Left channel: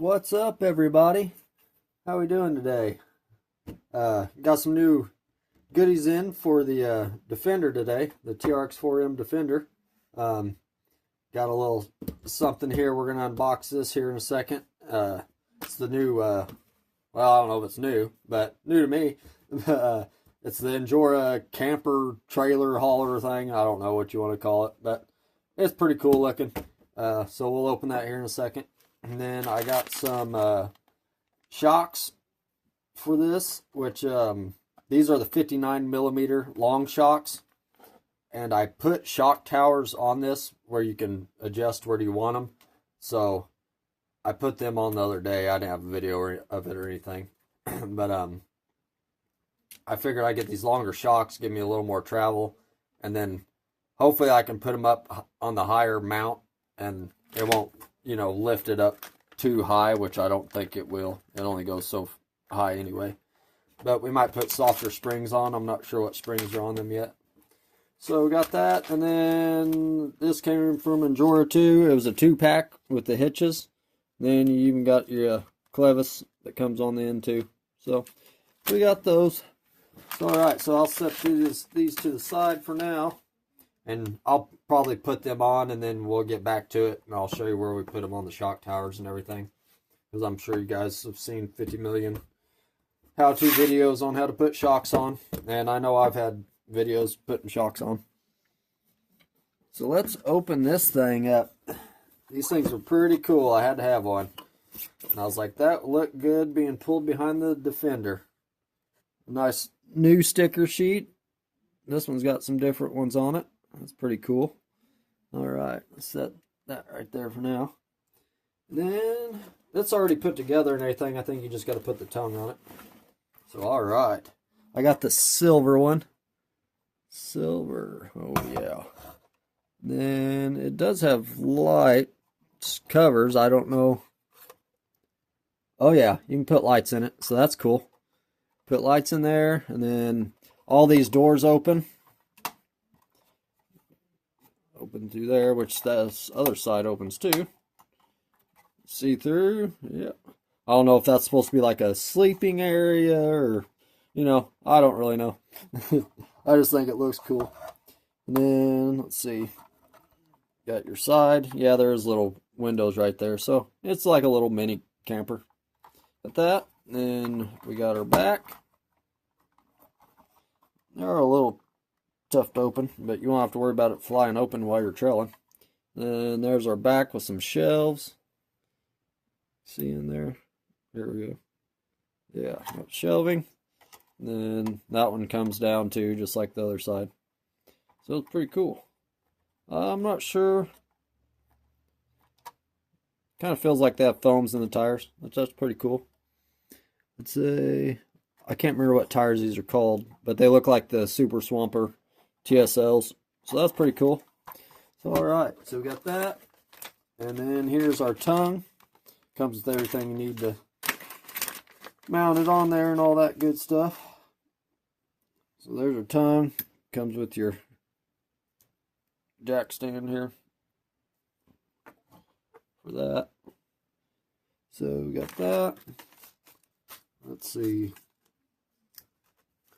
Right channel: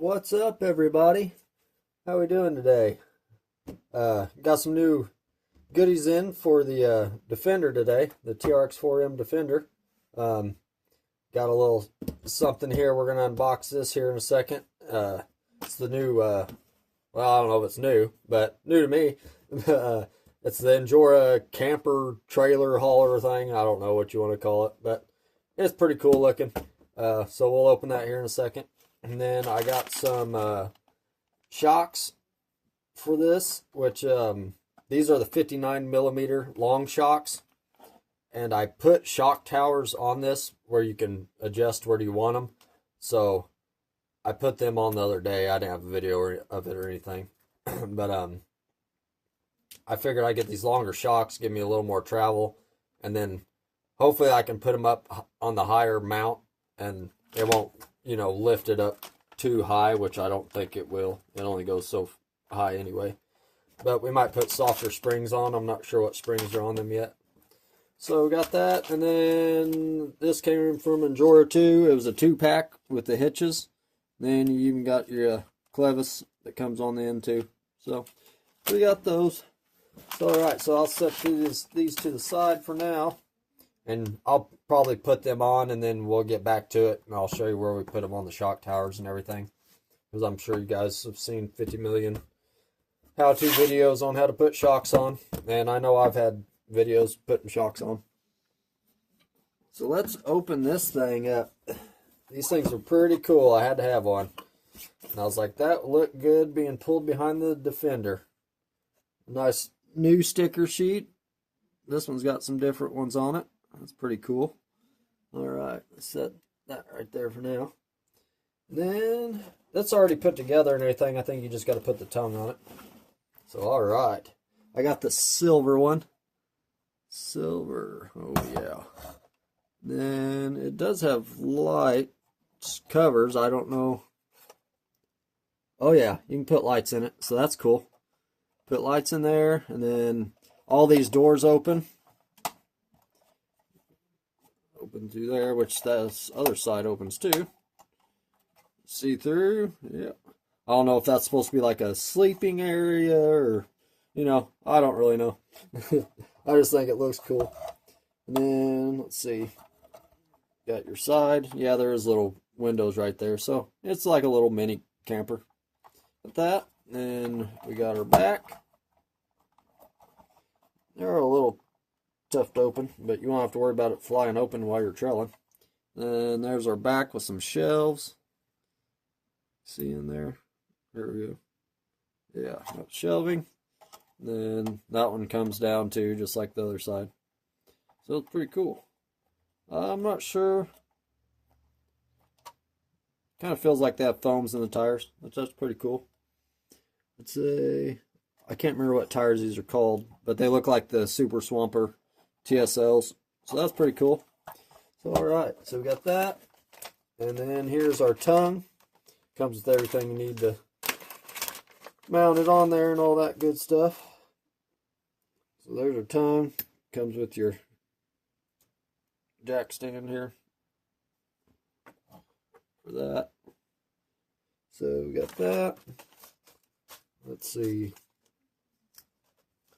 What's up, everybody? How we doing today? Got some new goodies in for the Defender today, the Trx4m Defender. Got a little something here. We're gonna unbox this here in a second. It's the new, well, I don't know if it's new, but new to me. It's the Injora camper trailer hauler thing. I don't know what you want to call it, but it's pretty cool looking. So we'll open that here in a second. And then I got some shocks for this, which these are the 59mm long shocks. And I put shock towers on this where you can adjust where you want them. So I put them on the other day. I didn't have a video of it or anything. But I figured I'd get these longer shocks, give me a little more travel. And then hopefully I can put them up on the higher mount and it won't, lift it up too high, which I don't think it will. It only goes so high anyway. But we might put softer springs on. I'm not sure what springs are on them yet. So we got that, and then this came from Injora too. It was a 2-pack with the hitches. Then you even got your clevis that comes on the end too. So we got those. So alright, so I'll set these to the side for now. And I'll probably put them on and then we'll get back to it. And I'll show you where we put them on the shock towers and everything. Because I'm sure you guys have seen 50 million how-to videos on how to put shocks on. And I know I've had videos putting shocks on. So let's open this thing up. These things are pretty cool. I had to have one. And I was like, that looked good being pulled behind the Defender. Nice new sticker sheet. This one's got some different ones on it. That's pretty cool. Alright, let's set that right there for now. Then, it's already put together and everything. I think you just got to put the tongue on it. So, alright. I got the silver one. Silver. Oh, yeah. Then, it does have light covers. I don't know. Oh, yeah. You can put lights in it. So, that's cool. Put lights in there. And then, all these doors open. Open through there, which this other side opens too. See through. Yeah. I don't know if that's supposed to be like a sleeping area or, I don't really know. I just think it looks cool. And then, let's see. Got your side. Yeah, there's little windows right there. So, it's like a little mini camper. Got that. Then, we got our back. They're a little tough to open, but you won't have to worry about it flying open while you're trailing. And there's our back with some shelves. See in there? There we go. Yeah, shelving. Then that one comes down too, just like the other side. So it's pretty cool. I'm not sure. Kind of feels like they have foams in the tires. That's pretty cool. It's I can't remember what tires these are called, but they look like the Super Swamper TSLs. So that's pretty cool. So alright, so we got that. And then here's our tongue. Comes with everything you need to mount it on there and all that good stuff. So there's our tongue. Comes with your jack stand here for that. So we got that. Let's see.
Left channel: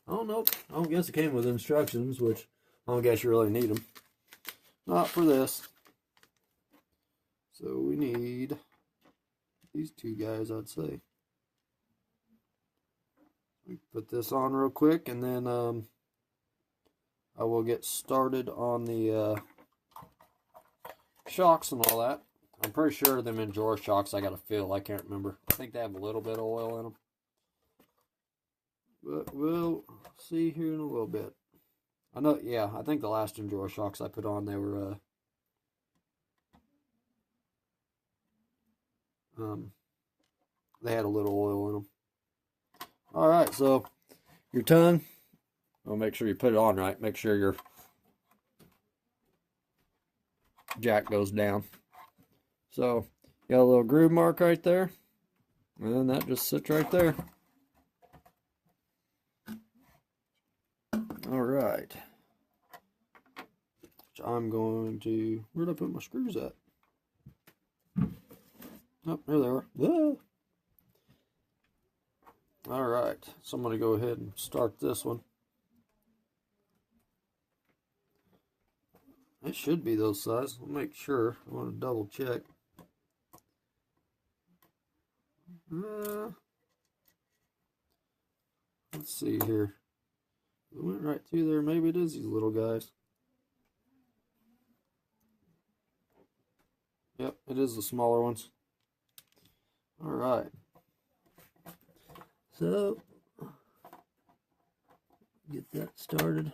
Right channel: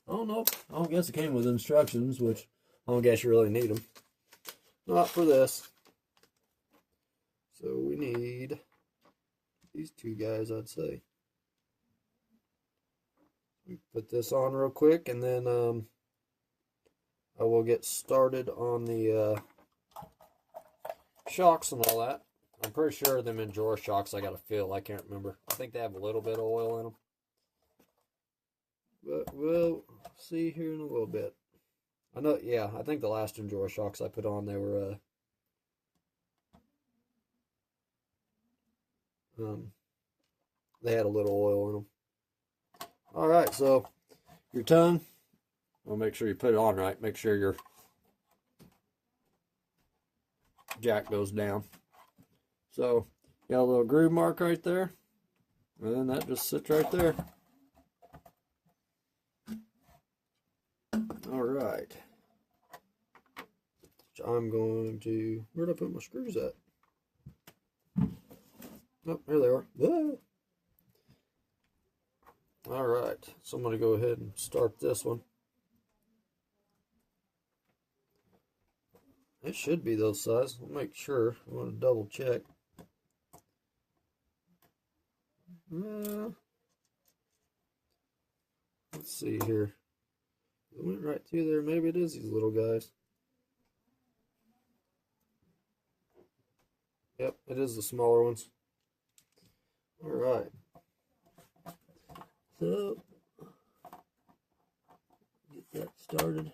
Oh, nope. I don't guess it came with instructions, which I don't guess you really need them. Not for this. So we need these two guys, I'd say. Put this on real quick, and then I will get started on the shocks and all that. I'm pretty sure them Injora shocks I got to fill. I can't remember. I think they have a little bit of oil in them. But we'll see here in a little bit. I know, yeah, I think the last Injora shocks I put on, they were, they had a little oil in them. Alright, so your tongue, I'll make sure you put it on right. Make sure your jack goes down. So, got a little groove mark right there. And that just sits right there. Alright. So I'm going to, where did I put my screws at? Oh, there they are. Ah. So I'm going to go ahead and start this one. It should be those size. I'll make sure. I want to double check. Let's see here. It went right through there. Maybe it is these little guys. Yep, it is the smaller ones. Alright. So, get that started.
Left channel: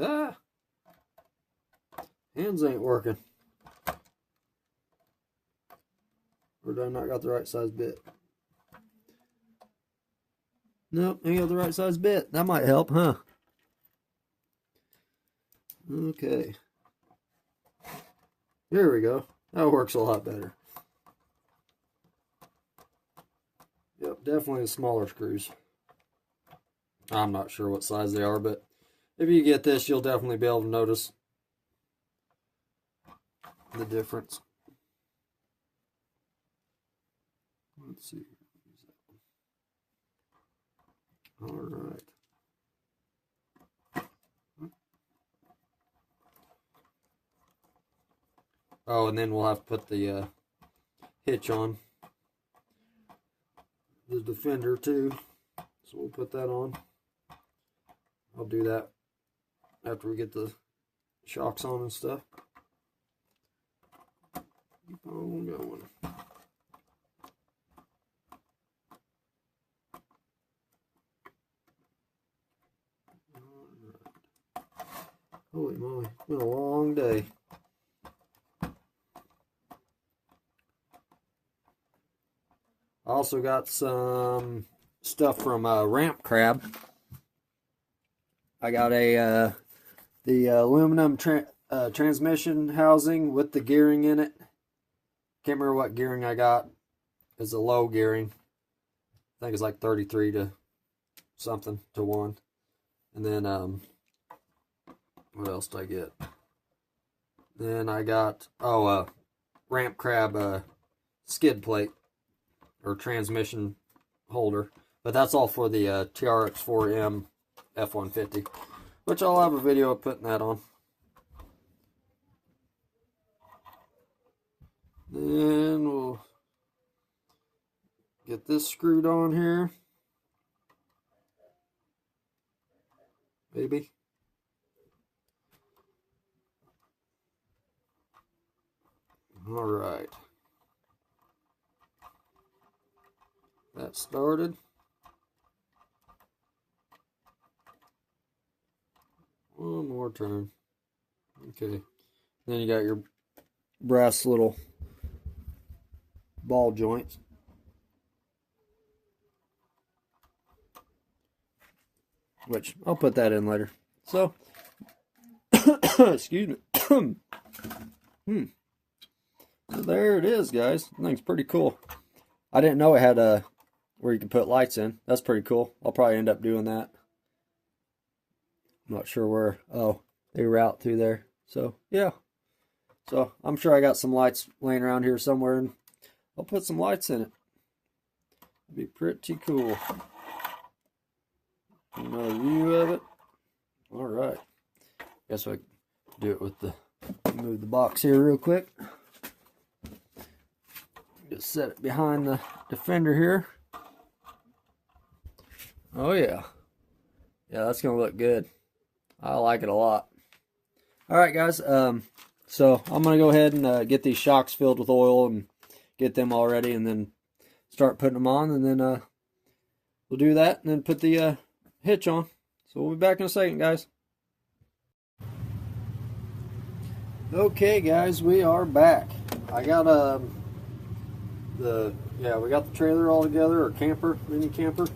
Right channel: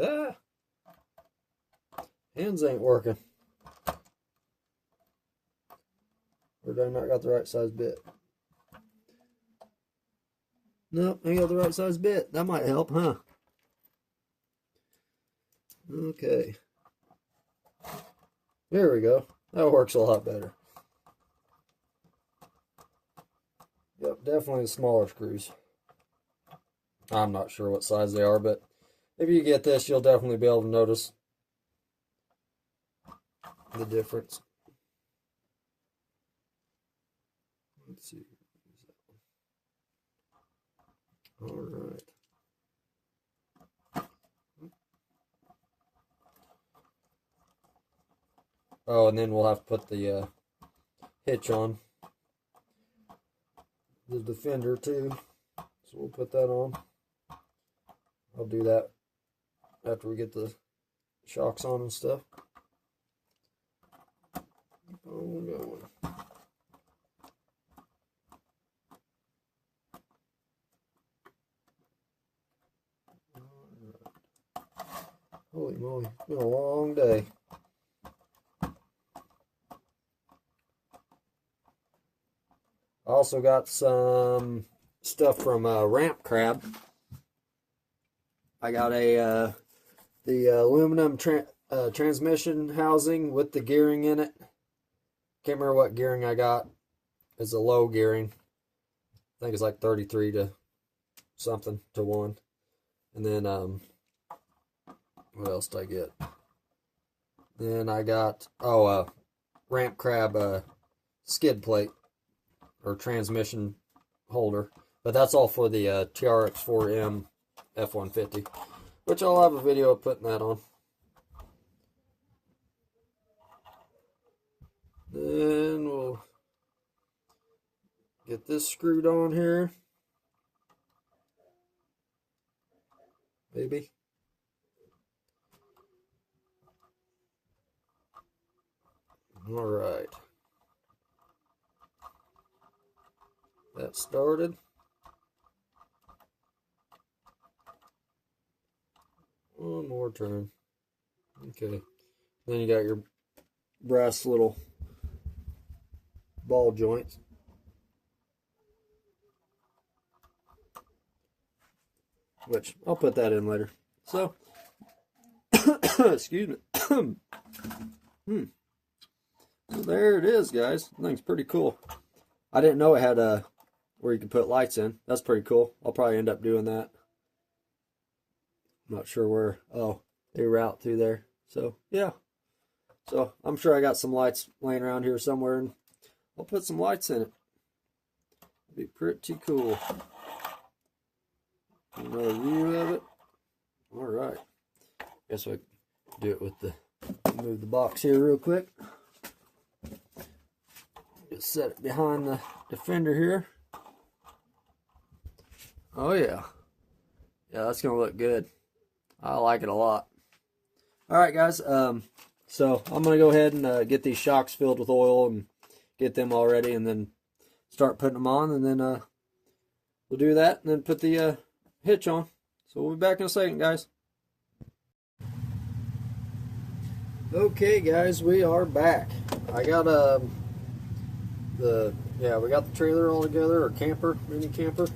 Ah! Hands ain't working. Or do I not got the right size bit? Nope, ain't got the right size bit. That might help, huh? Okay. There we go. That works a lot better. Yep, definitely the smaller screws. I'm not sure what size they are, but if you get this, you'll definitely be able to notice the difference. Let's see. All right. Oh, and then we'll have to put the hitch on the Defender too. So we'll put that on. I'll do that after we get the shocks on and stuff. Keep on going. Holy moly, it's been a long day. I also got some stuff from Ramp Crab. I got the aluminum transmission housing with the gearing in it. Can't remember what gearing I got. It's a low gearing. I think it's like 33 to something to 1. And then what else did I get? Then I got Ramp Crab skid plate or transmission holder, but that's all for the Trx4m F-150, which I'll have a video of putting that on. Then we'll get this screwed on here, maybe. All right. That started. One more turn. Okay. Then you got your brass little ball joints. Which I'll put that in later. So, excuse me. So there it is, guys. I think it's pretty cool. I didn't know it had a where you can put lights in. That's pretty cool. I'll probably end up doing that. I'm not sure where. Oh, they route through there. So, yeah. So, I'm sure I got some lights laying around here somewhere, and I'll put some lights in it. It'll be pretty cool. Another view of it. All right. Guess I can do it with the, move the box here real quick. Just set it behind the Defender here. Oh yeah. Yeah, that's gonna look good. I like it a lot. Alright guys, so I'm gonna go ahead and get these shocks filled with oil and get them all ready, and then start putting them on, and then we'll do that and then put the hitch on. So we'll be back in a second, guys. Okay guys, we are back. I got we got the trailer all together, or camper, mini camper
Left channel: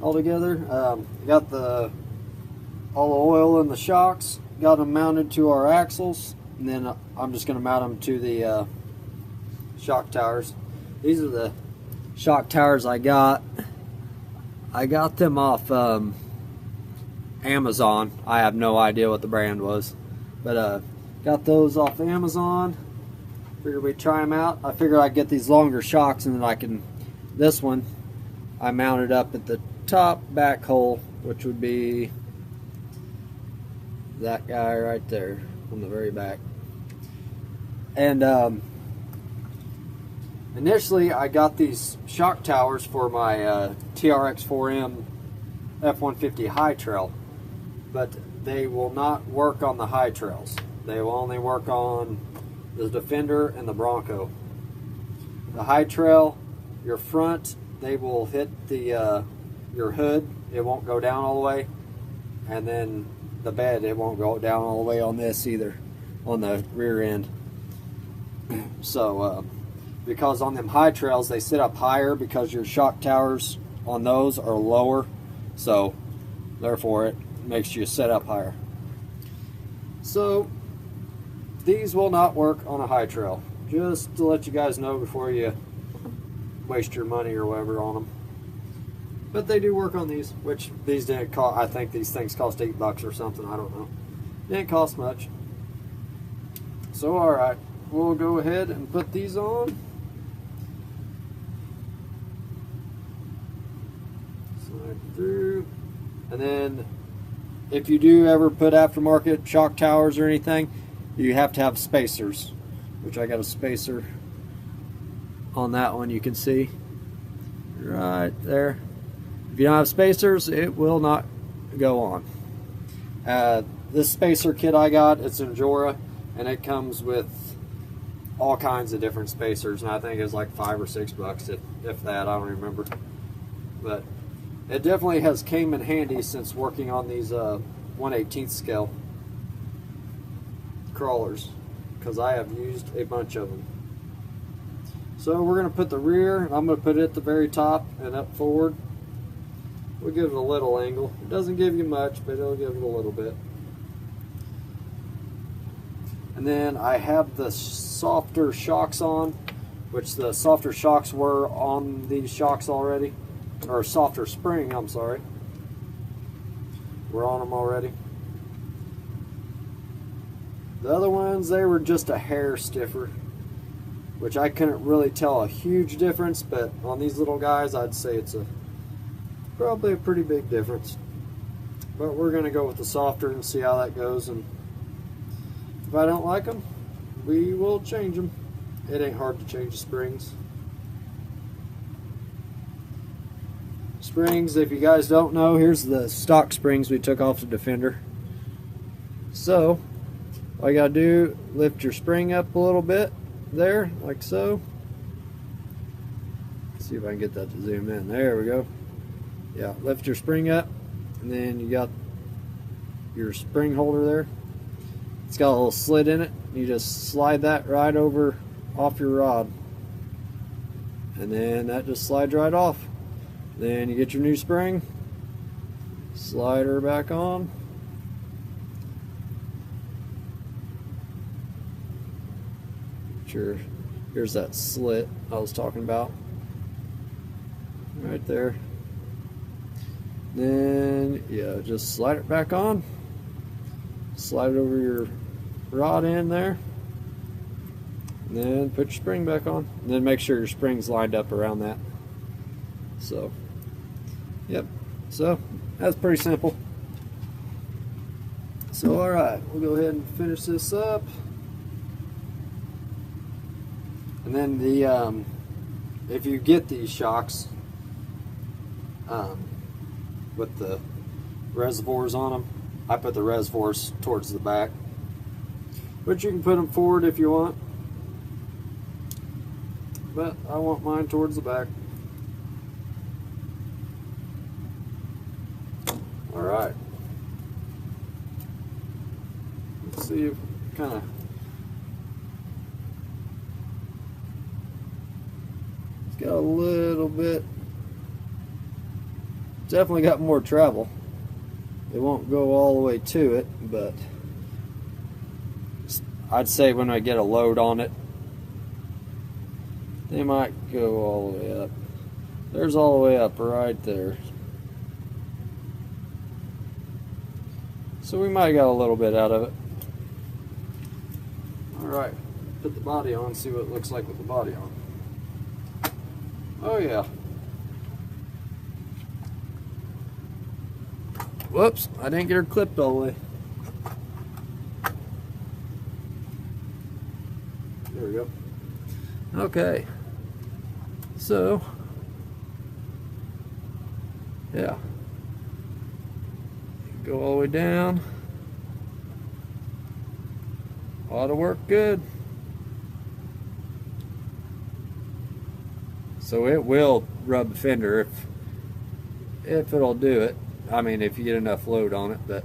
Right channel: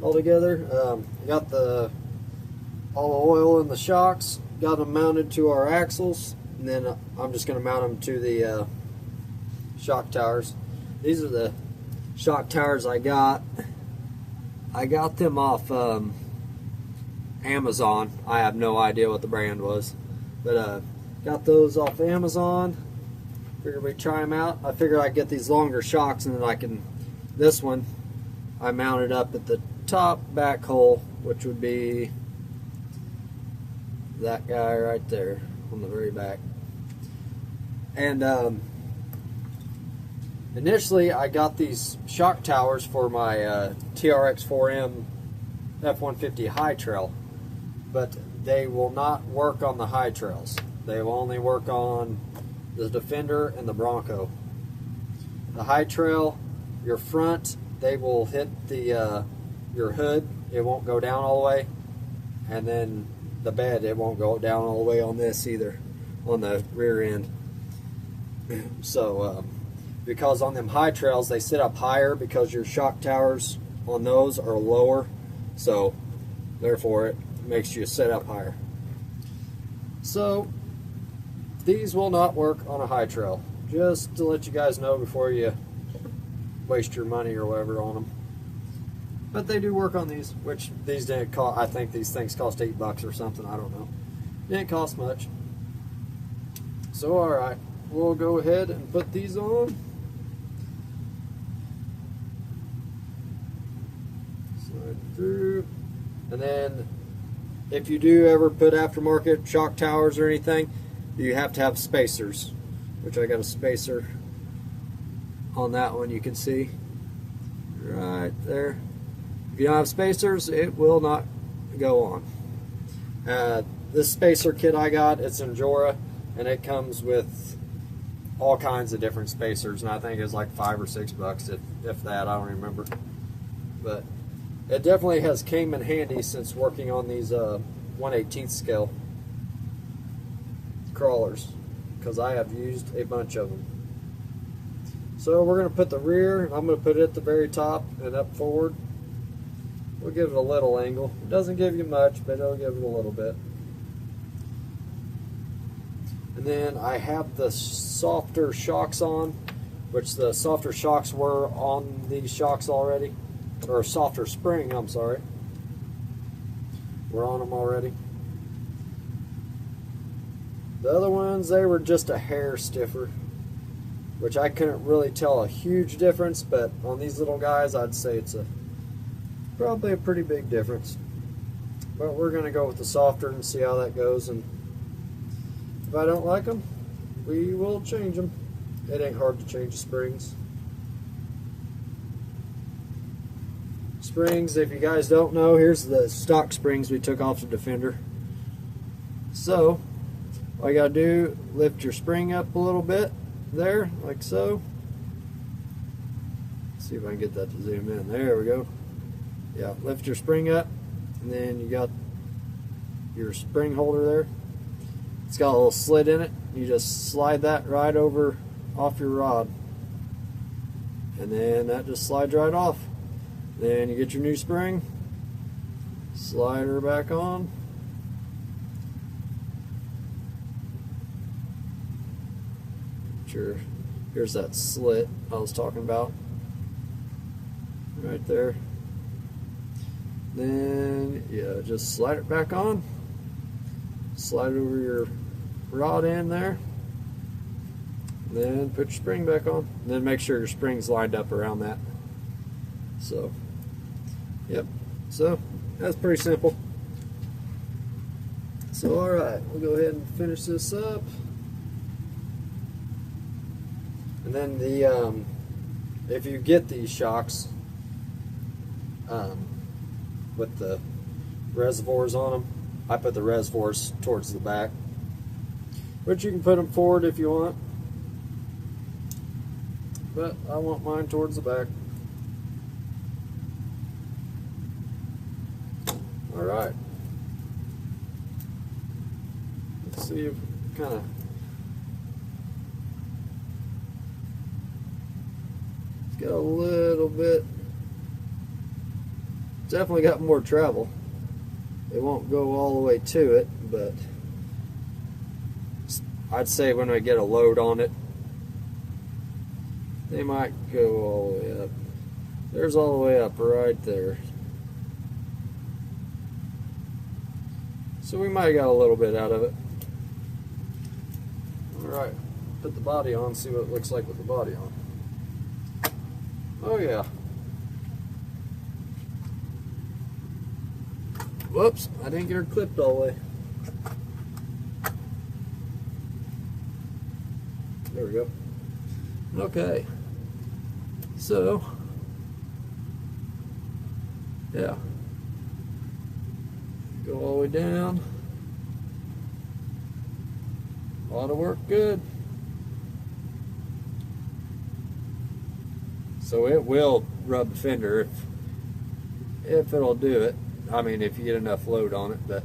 all together. Got all the oil in the shocks, got them mounted to our axles, and then I'm just going to mount them to the shock towers. These are the shock towers I got. I got them off Amazon. I have no idea what the brand was, but got those off Amazon. Figured we'd try them out. I figured I'd get these longer shocks, and then I can this one I mounted up at the top back hole, which would be that guy right there on the very back. And initially I got these shock towers for my Trx4m F-150 high trail, but they will not work on the high trails. They will only work on the Defender and the Bronco. The high trail, your front, they will hit the your hood. It won't go down all the way, and then the bed, it won't go down all the way on this either, on the rear end. So because on them high trails they sit up higher because your shock towers on those are lower, so therefore it makes you sit up higher. So these will not work on a high trail, just to let you guys know before you waste your money or whatever on them. But they do work on these, which these didn't cost. I think these things cost $8 or something, I don't know. Didn't cost much. So alright, we'll go ahead and put these on. Slide through. And then if you do ever put aftermarket shock towers or anything, you have to have spacers, which I got a spacer on that one, you can see right there. If you don't have spacers, it will not go on. This spacer kit I got, it's injora, and it comes with all kinds of different spacers, and I think it's like $5 or $6, if that, I don't remember. But it definitely has came in handy since working on these 1/18 scale crawlers, because I have used a bunch of them. So we're going to put the rear, I'm going to put it at the very top and up forward. We'll give it a little angle. It doesn't give you much, but it'll give it a little bit. And then I have the softer shocks on, which the softer shocks were on these shocks already, or softer spring, I'm sorry. We're on them already. The other ones, they were just a hair stiffer, which I couldn't really tell a huge difference, but on these little guys, I'd say it's probably a pretty big difference. But we're going to go with the softer and see how that goes, and if I don't like them, we will change them. It ain't hard to change the springs. Springs, if you guys don't know, here's the stock springs we took off the Defender. So all you gotta do, lift your spring up a little bit there, like so. Let's see if I can get that to zoom in. There we go. Yeah, lift your spring up, and then you got your spring holder there. It's got a little slit in it. You just slide that right over off your rod, and then that just slides right off. Then you get your new spring, slide her back on. Here's that slit I was talking about, right there. Then yeah, just slide it back on, slide it over your rod in there, and then put your spring back on, and then make sure your spring's lined up around that. So yep, so that's pretty simple. So alright, we'll go ahead and finish this up. And then the if you get these shocks with the reservoirs on them, I put the reservoirs towards the back, but you can put them forward if you want, but I want mine towards the back. Alright, let's see if kind of got a little bit, definitely got more travel. It won't go all the way to it, but I'd say when I get a load on it, they might go all the way up. There's all the way up right there. So we might have got a little bit out of it. Alright, put the body on, see what it looks like with the body on. Oh yeah, Whoops, I didn't get her clipped all the way. There we go. Okay. So, yeah. Go all the way down. Ought to work good. So it will rub the fender if it'll do it. I mean, if you get enough load on it. But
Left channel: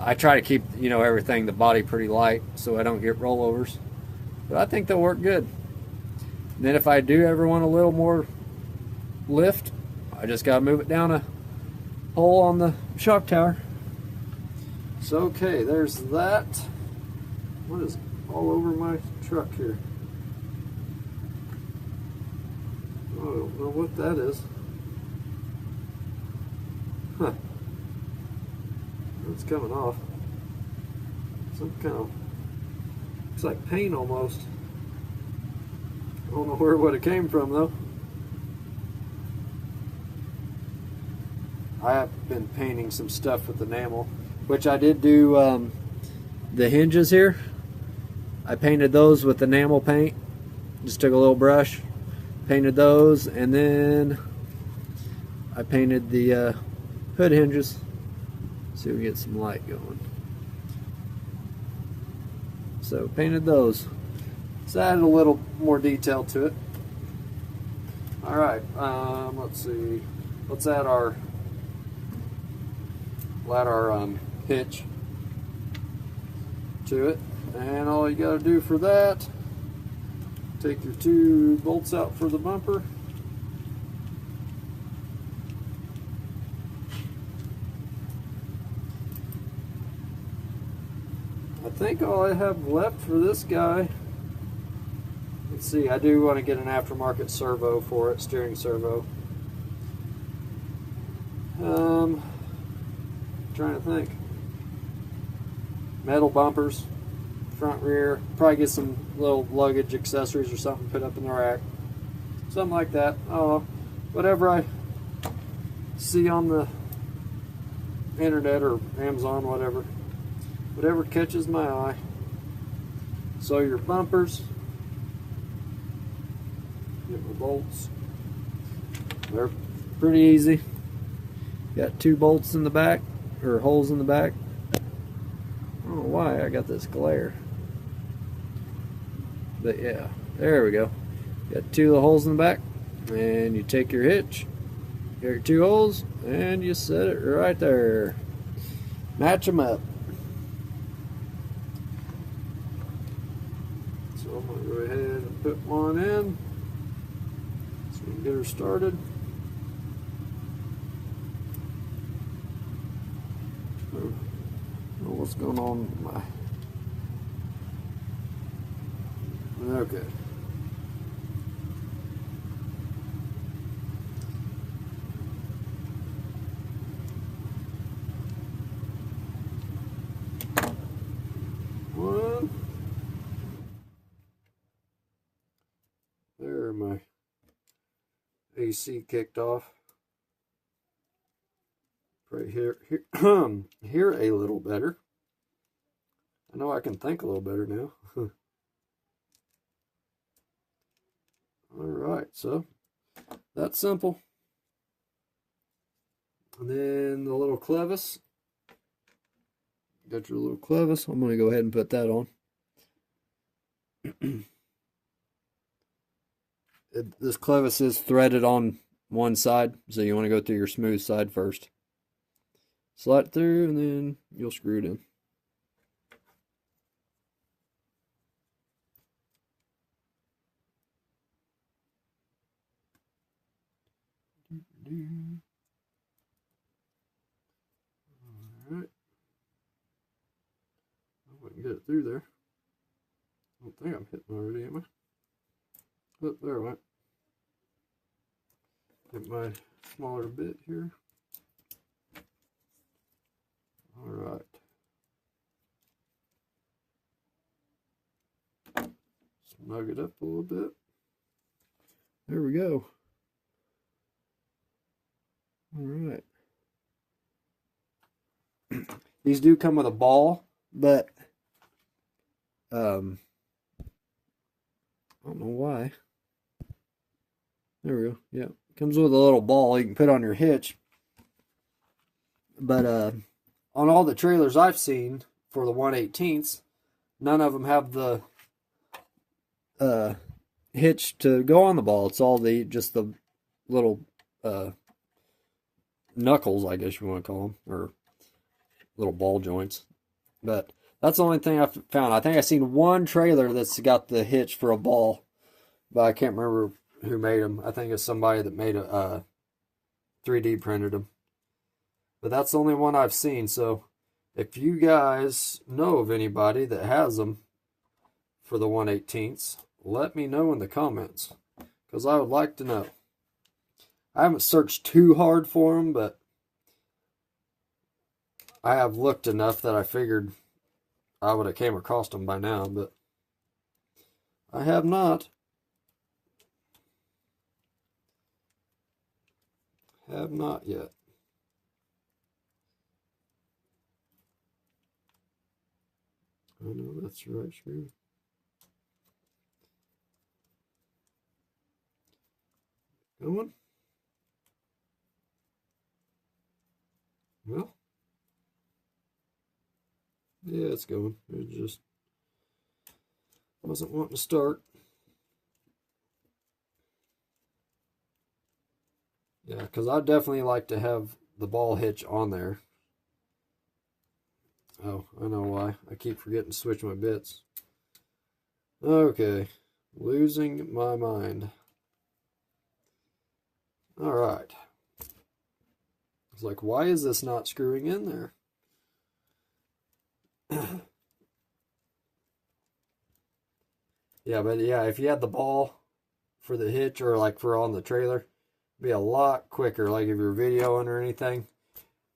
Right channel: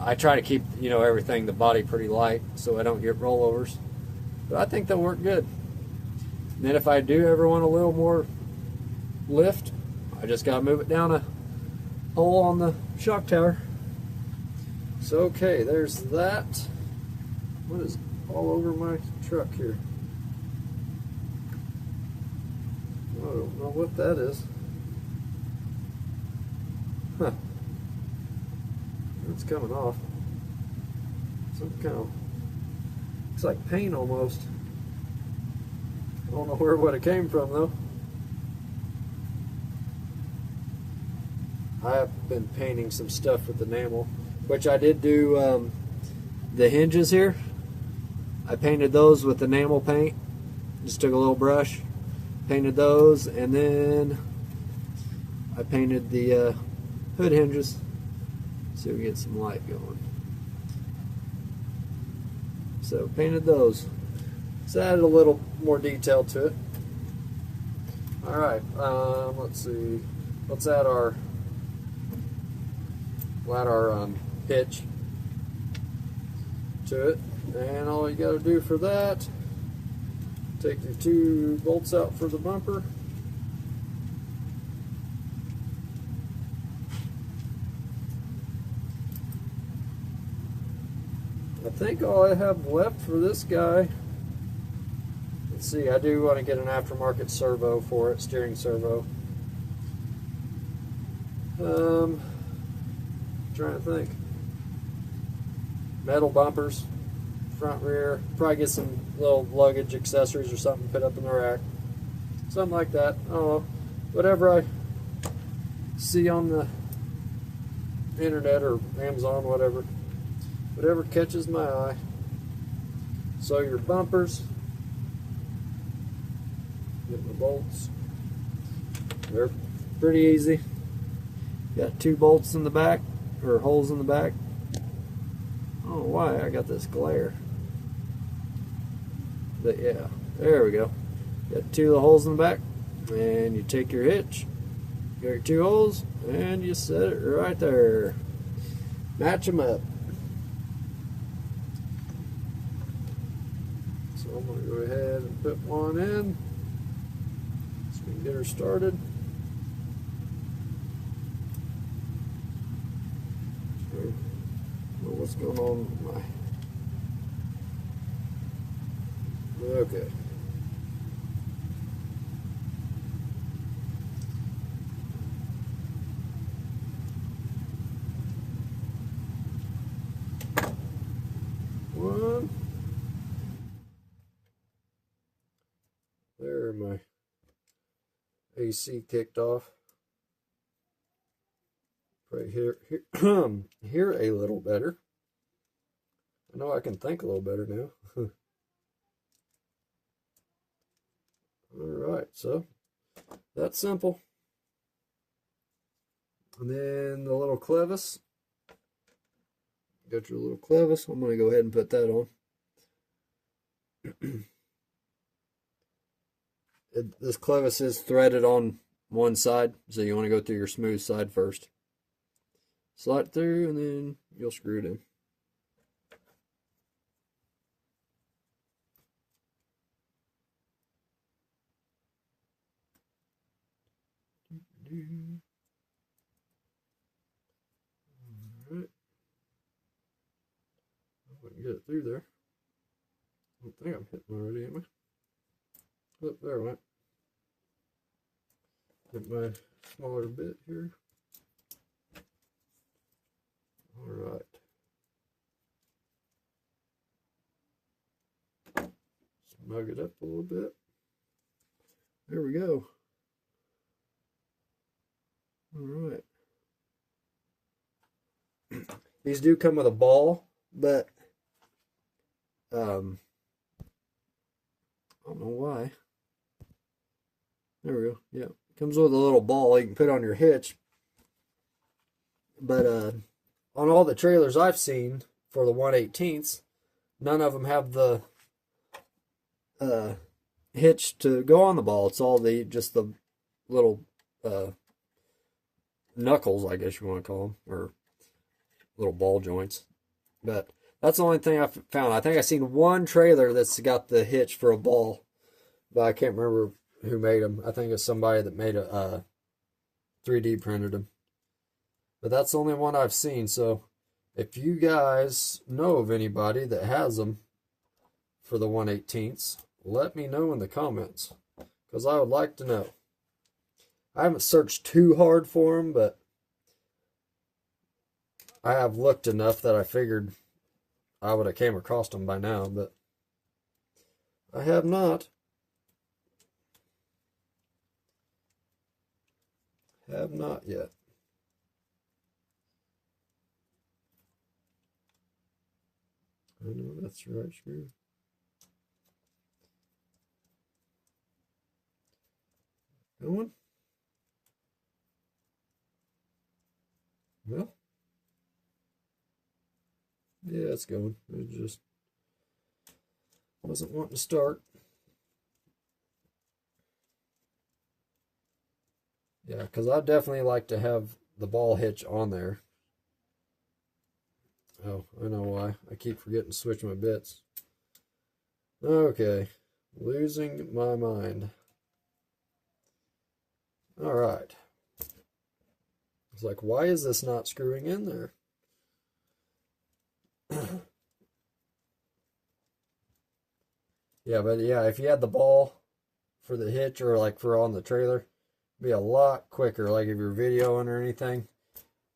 I try to keep, you know, everything, the body pretty light so I don't get rollovers. But I think they'll work good. And then if I do ever want a little more lift, I just gotta move it down a hole on the shock tower. So okay, there's that. What is all over my truck here? I don't know what that is. Huh. It's coming off. Some kind of, it's like paint almost. I don't know what it came from though. I have been painting some stuff with enamel, which I did do. The hinges here, I painted those with enamel paint. Just took a little brush, painted those, and then I painted the hood hinges. See if we get some light going. So painted those. So added a little more detail to it. All right, let's see. Let's add our hitch to it, and all you got to do for that, take your 2 bolts out for the bumper. I think all I have left for this guy, let's see, I do want to get an aftermarket servo for it, steering servo. Trying to think. Metal bumpers, front, rear, probably get some little luggage accessories or something put up in the rack. Something like that. Oh, whatever I see on the internet or Amazon, whatever catches my eye. So your bumpers, get my bolts. They're pretty easy. Got 2 bolts in the back, or holes in the back. I don't know why I got this glare. But yeah, there we go. Got 2 of the holes in the back, and you take your hitch, get your 2 holes, and you set it right there. Match them up. So I'm going to go ahead and put one in so we can get her started. What's going on with my... Okay. One. There, my AC kicked off. Right here, here a little better. I know I can think a little better now. Alright, so that's simple. And then the little clevis. Got your little clevis. I'm going to go ahead and put that on. This clevis is threaded on one side, so you want to go through your smooth side first. Slide through, and then you'll screw it in. Alright. I can get it through there. I don't think I'm hitting already, am I? Oh, there I went. Get my smaller bit here. Alright. Snug it up a little bit. There we go. Alright. These do come with a ball, but I don't know why. There we go. Yeah, comes with a little ball you can put on your hitch. But on all the trailers I've seen for the 1/18ths, none of them have the hitch to go on the ball. It's all just the little knuckles, I guess you want to call them, or little ball joints. But that's the only thing I've found. I think I've seen one trailer that's got the hitch for a ball, but I can't remember who made them. I think it's somebody that made a 3D printed them. But that's the only one I've seen. So if you guys know of anybody that has them for the 1/18ths, let me know in the comments, because I would like to know. I haven't searched too hard for them, but I have looked enough that I figured I would have came across them by now, but I have not. Have not yet. I know that's the right screw. Going? Well, yeah, it's going. It just wasn't wanting to start. Yeah, because I definitely like to have the ball hitch on there. Oh, I know why. I keep forgetting to switch my bits. Okay, losing my mind. All right. It's like, why is this not screwing in there? Yeah, but yeah, if you had the ball for the hitch or like for on the trailer, it'd be a lot quicker. Like if you're videoing or anything.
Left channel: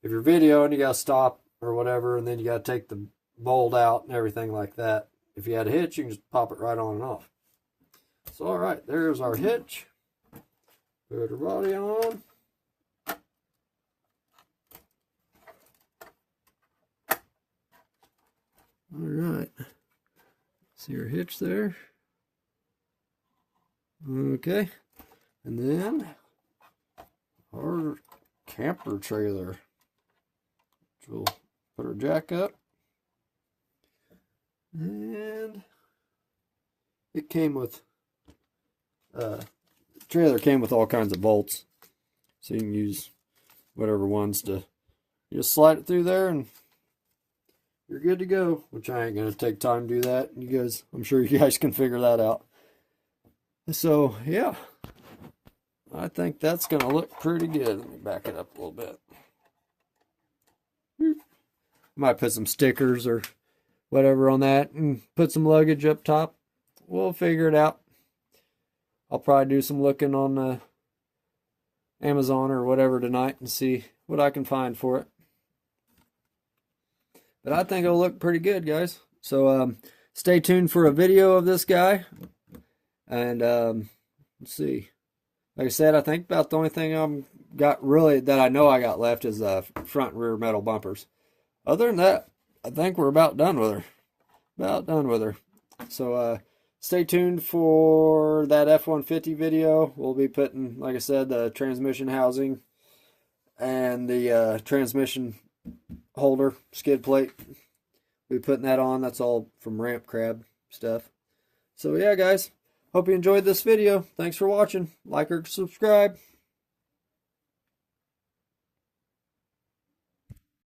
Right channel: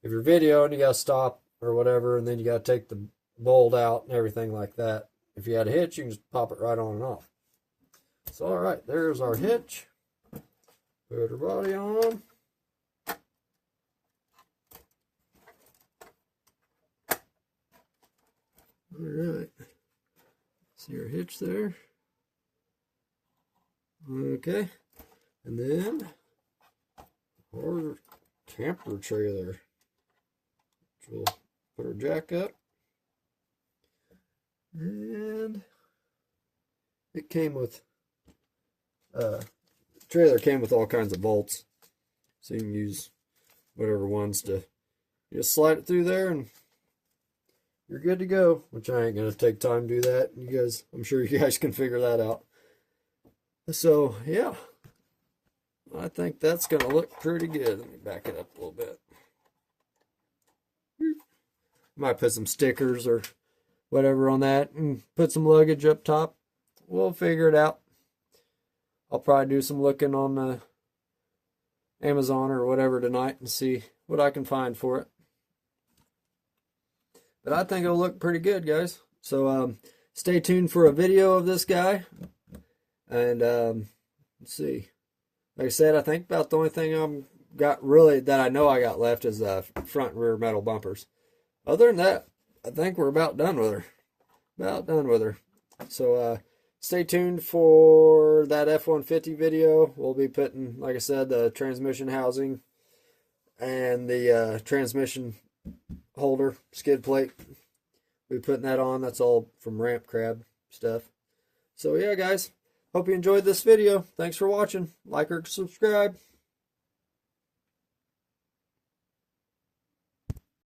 If you're videoing, you gotta stop or whatever, and then you gotta take the bolt out and everything like that. If you had a hitch, you can just pop it right on and off. So all right, there's our hitch. Put her body on. All right. See our hitch there. Okay. And then our camper trailer, which we'll put our jack up. And it came with, trailer came with all kinds of bolts. So you can use whatever ones to just slide it through there and you're good to go, which I ain't going to take time to do that. You guys, I'm sure you guys can figure that out. So, yeah, I think that's going to look pretty good. Let me back it up a little bit. Might put some stickers or whatever on that and put some luggage up top. We'll figure it out. I'll probably do some looking on Amazon or whatever tonight and see what I can find for it. But I think it'll look pretty good, guys. So stay tuned for a video of this guy. And let's see. Like I said, I think about the only thing I've got really that I know I got left is front and rear metal bumpers. Other than that, I think we're about done with her. About done with her. So stay tuned for that F-150 video. We'll be putting, like I said, the transmission housing and the transmission holder, skid plate. We'll be putting that on. That's all from Ramp Crab stuff. So yeah, guys. Hope you enjoyed this video. Thanks for watching. Like or subscribe.